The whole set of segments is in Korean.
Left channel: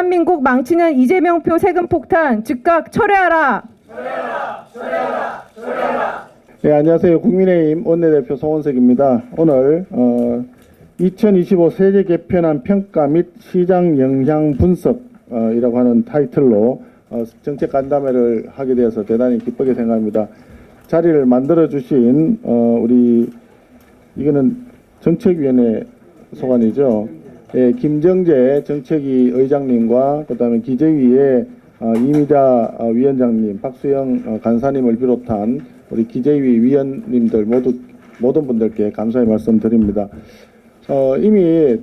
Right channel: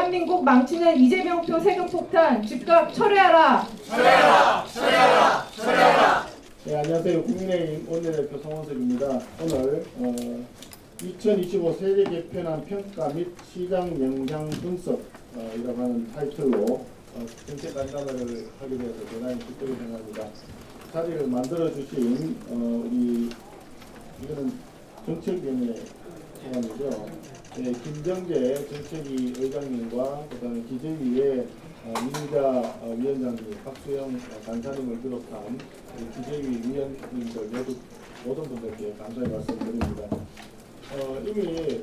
대한민국 망치는 이재명표 세금 폭탄 즉각 철회하라. 네, 안녕하세요. 국민의힘 원내대표 송원석입니다. 오늘 2025 세제 개편안 평가 및 시장 영향 분석이라고 하는 타이틀로 정책 간담회를 하게 되어서 대단히 기쁘게 생각합니다. 자리를 만들어 주신 우리 이거는 정책위원회 소관이죠. 예, 김정재 정책위 의장님과 그다음에 기재위의 이미자 위원장님, 박수영 간사님을 비롯한 우리 기재위 위원님들 모든 분들께 감사의 말씀드립니다. 이미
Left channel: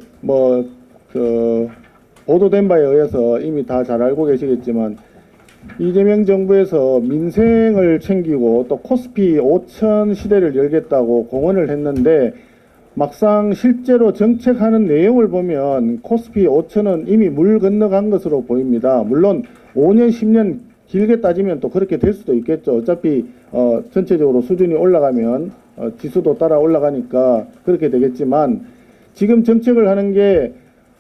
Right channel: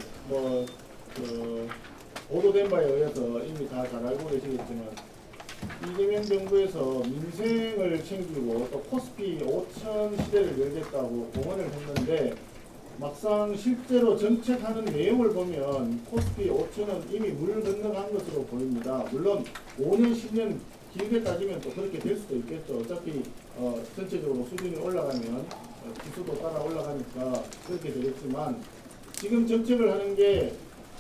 보도된 바에 의해서 이미 다 잘 알고 계시겠지만 이재명 정부에서 민생을 챙기고 또 코스피 5천 시대를 열겠다고 공언을 했는데 막상 실제로 정책하는 내용을 보면 코스피 5천은 이미 물 건너간 것으로 보입니다. 물론 5년, 10년 길게 따지면 또 그렇게 될 수도 있겠죠. 어차피 전체적으로 수준이 올라가면 지수도 따라 올라가니까 그렇게 되겠지만 지금 정책을 하는 게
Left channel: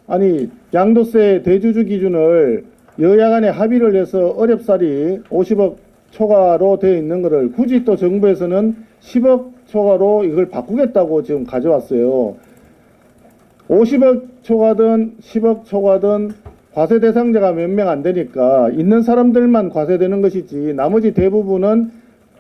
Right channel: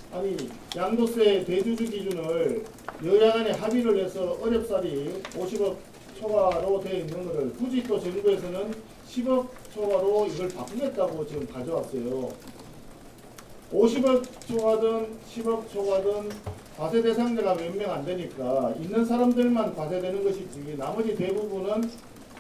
아니 양도세 대주주 기준을 여야 간에 합의를 해서 어렵사리 50억 초과로 되어 있는 것을 굳이 또 정부에서는 10억 초과로 이걸 바꾸겠다고 지금 가져왔어요. 50억 초과든 10억 초과든 과세 대상자가 몇 명 안 되니까 있는 사람들만 과세되는 것이지 나머지 대부분은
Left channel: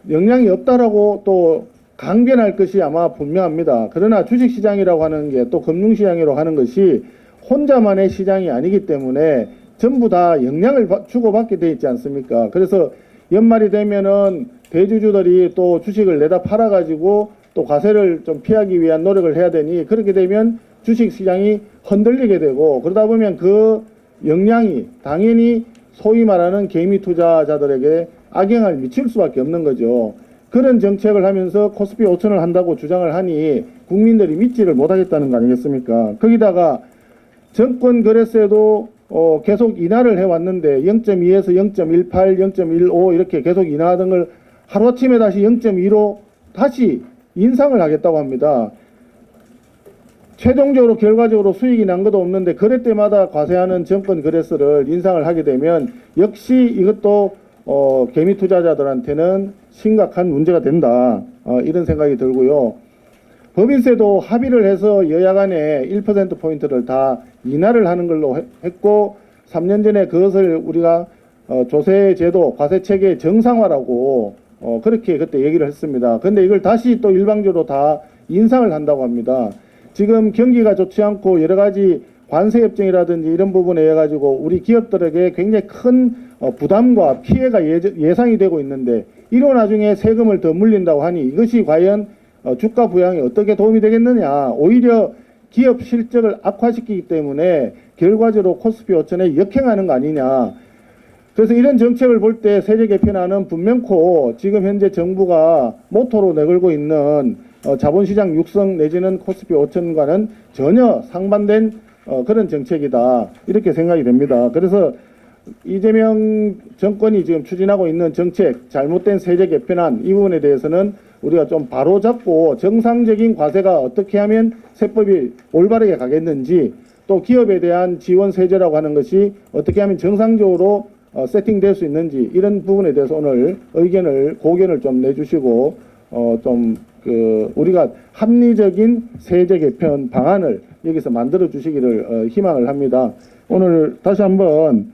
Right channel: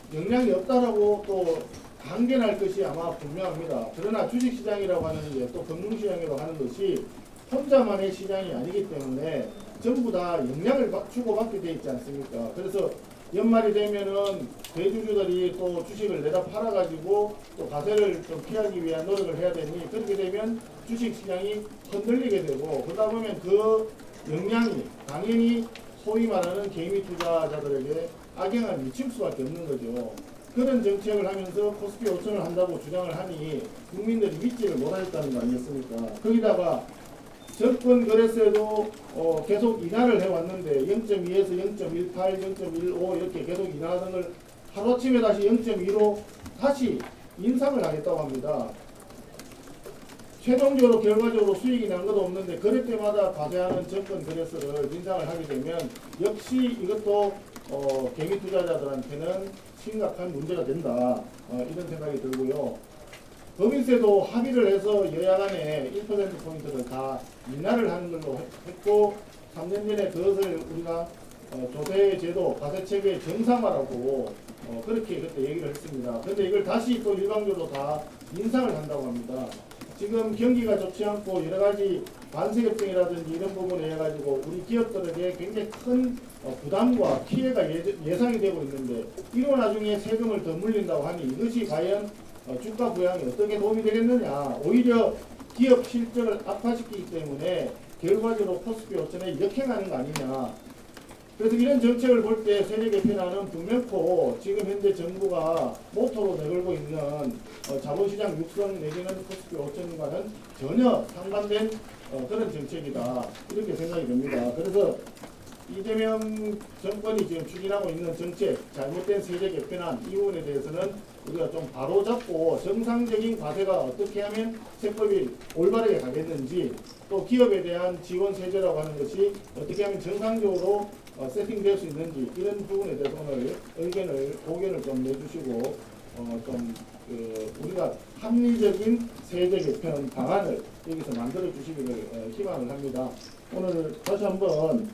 영향이 없다라고 또 강변할 것이 아마 분명합니다. 그러나 주식시장이라고 하는 게 또 금융시장이라고 하는 것이 혼자만의 시장이 아니기 때문에 전부 다 영향을 주고받게 돼 있지 않습니까? 그래서 연말이 되면은 대주주들이 또 주식을 내다 팔아가지고 또 과세를 좀 피하기 위한 노력을 해야 되니 그렇게 되면 주식시장이 흔들리게 되고 그러다 보면 그 영향이 당연히 소위 말하는 개미 투자자들에게 악영향을 미칠 수밖에 없는 거죠. 그런 정책을 하면서 코스피 5천을 한다고 주장을 하니 국민들이 믿지를 못하겠다는 거 아니겠습니까? 거기다가 정권 거래세도 계속 인하를 해왔는데 0.2에서 0.18, 0.15 이렇게 계속 인하하던 걸 하루아침에 다시 0.2로 다시 인상을 하겠다고 합니다. 최종적으로 결과적으로 수익이 난 것도 없는데 거래 때마다 과세하는 정권 거래세를 인상을 하게 되면 역시 이것도 개미 투자자들한테는 심각한 문제가 된다. 이런 생각이 들고요. 법인세도 합의를 해서 여야 간에 1%포인트를 다 인하를 하는 걸로 했고 3년 전에 그것을 우리가 조세제도 과세체계 정상화라고 그렇게 그때 얘기를 했습니다. 근데 이걸 다시 또 일방적으로 다 인상을 한다고 합니다. 지금 경기가 좋지 않고 여러 가지 관세 협정이라든지 이런 부분에 의해 가지고 우리 기업들에게 굉장히 큰 부담과 피해가 예상이 되고 있는데 이로 나중에 세금을 더 물린다고 하니 이것이 과연 주가 부양에 어떻게 도움이 되겠느냐. 오히려 기업 실적을 악화시키기 때문에 결과적으로 코스피 5천에 역행하는 거 아니냐. 그래서 이런 정책을 볼 때 세제 개편안은 분명코 지금 현재 정부가 모토로 내걸고 있는 자본시장 육성 내지는 코스피 5천과는 전혀 상반된 그런 정책이다. 이렇게 생각이 됩니다. 그래서 이재명 정권이 지금 추진하고 있는 정책, 잘못된 세제 개편안 이 부분에 대해서는 우리가 좀 바로잡고 정상적인 과세가 어떻게 하면 세법이 올바르게 가겠는지 또 기업에 대한 지원 세제라고 하는 것이 어떻게 하면 정상적으로 세팅될 수 있는지 이런 부분에 대해서 오늘 고견을 좀 내주시고 우리가 합리적인 세제 개편 방안을 여기서 만들어 주시기를 희망을 합니다. 오늘 다시 한번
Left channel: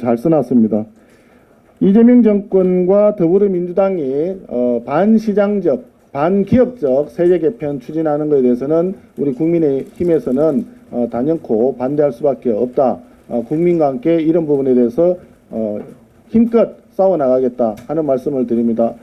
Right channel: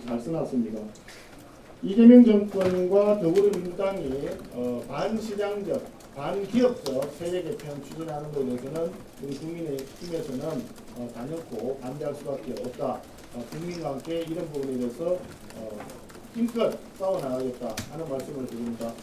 잘 써놨습니다. 이재명 정권과 더불어민주당이 반시장적, 반기업적 세제 개편 추진하는 것에 대해서는 우리 국민의힘에서는 단연코 반대할 수밖에 없다. 국민과 함께 이런 부분에 대해서 힘껏 싸워나가겠다 하는 말씀을 드립니다.